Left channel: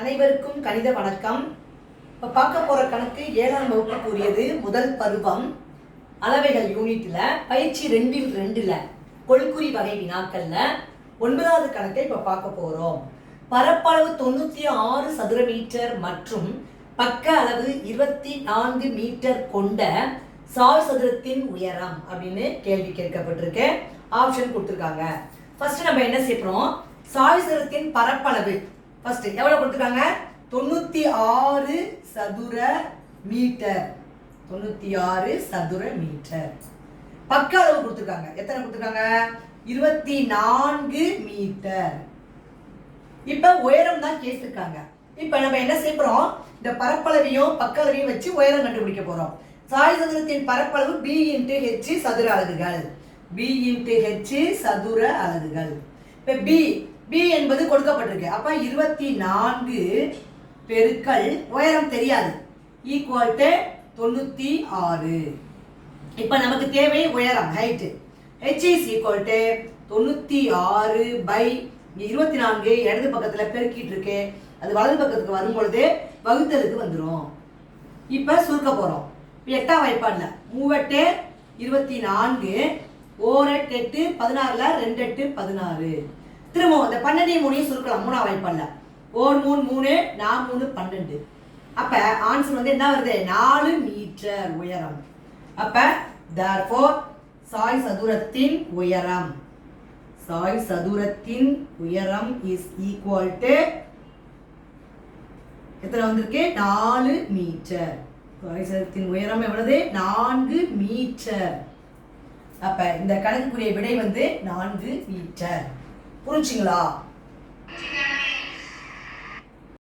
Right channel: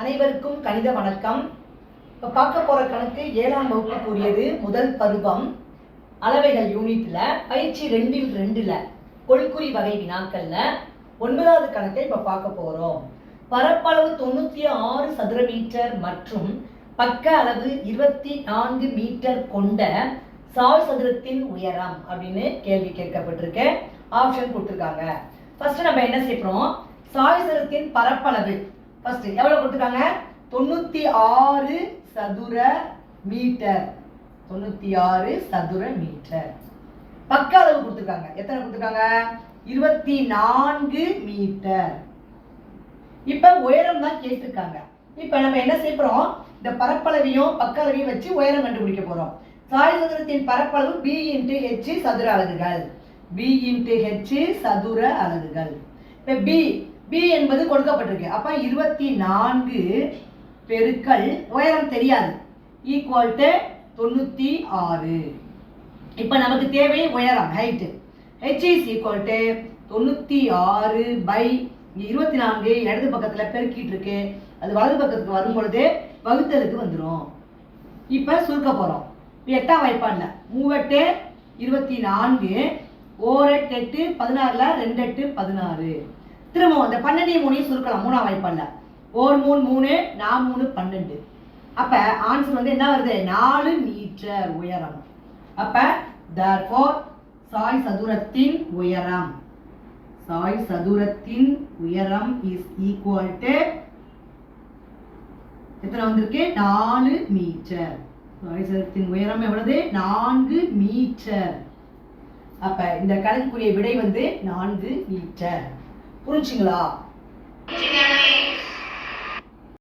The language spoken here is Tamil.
அனைவருக்கும் கணித வணக்கம். இப்போ பார்க்க போகிற கணக்கு 7ஆம் வகுப்புக்குரியது. முதல் பருவம் அளவைகள் யூனிட்ல பயிற்சி 2 கொள்குறி வகை வினாக்கள்ல 9வது கணக்கை இப்போ பார்க்க போகிறோம். பரப்பளவு 96 சதுர மீட்டர் மற்றும் பக்க அளவு 24 மீட்டர் கொண்ட சாய் சதுரத்தின் உயரம் அப்படின்னு கேள்வி கேட்கப்பட்டிருக்கு. ஆப்ஷன் கொடுத்துருக்காங்க. ஃபர்ஸ்ட் நம்ம என்ன செய்யறோம், சாய் சதுரத்தின் பரப்பளவு ஃபர்ஸ்ட் எவ்வளவு கொடுத்துருக்காங்க, 96 சதுர மீட்டர். 96 சதுர மீட்டர். பக்க அளவு கொடுத்துருக்காங்க. எத்தனை கொடுத்துருக்காங்க, 24 மீட்டர். இப்ப உயரம் தான் கேட்டிருக்காங்க. இப்ப நம்ம என்ன செய்யறோம், இந்த பரப்பளவையும் பக்க அளவையும் வச்சு உயரம் கண்டுபிடிக்க போறோம். சாய் சதுரத்தின் பரப்பளவு b × h சதுர அலகுகள். b × h சதுர அலகுகள். இப்ப b என்பது கொடுக்கப்பட்டிருக்கு. அப்ப 24 பெருக்கல் உயரம் தெரியாது ஈக்குவல் டு 96. இப்ப நமக்கு தேவை உயரம், height. h is equal to 96 by 24 இடது பக்கத்துல பெருக்கிட்டு இருக்கு. அது வலது பக்கத்துக்கு வரும் பொழுது வகுத்தலுக்கு வந்துடும். இப்ப சுருக்க போறோம். 8ஆம் வாய்ப்பாடுல 3 8 24 1 8 16ல 2 8 16. திரும்பவும் இந்த 12 3 சுருக்கலாம். 3ஆம் வாய்ப்பாடுல 1 3 3 4 3 12. அப்ப ஆன்சர் வந்து என்ன வருது, 4 மீட்டர் உயரம். அப்ப therefore சாய் சதுரத்தின் உயரம், சாய் சதுரத்தின் உயரம் is equal to எத்தனை வந்திருக்கு, 4 மீட்டர். சாய் சதுரத்தின் உயரம் எவ்வளவு, 4 மீட்டர். அப்ப இந்த கணக்குக்குரிய விடை வந்து 4 மீட்டர். புரிஞ்சுங்களா?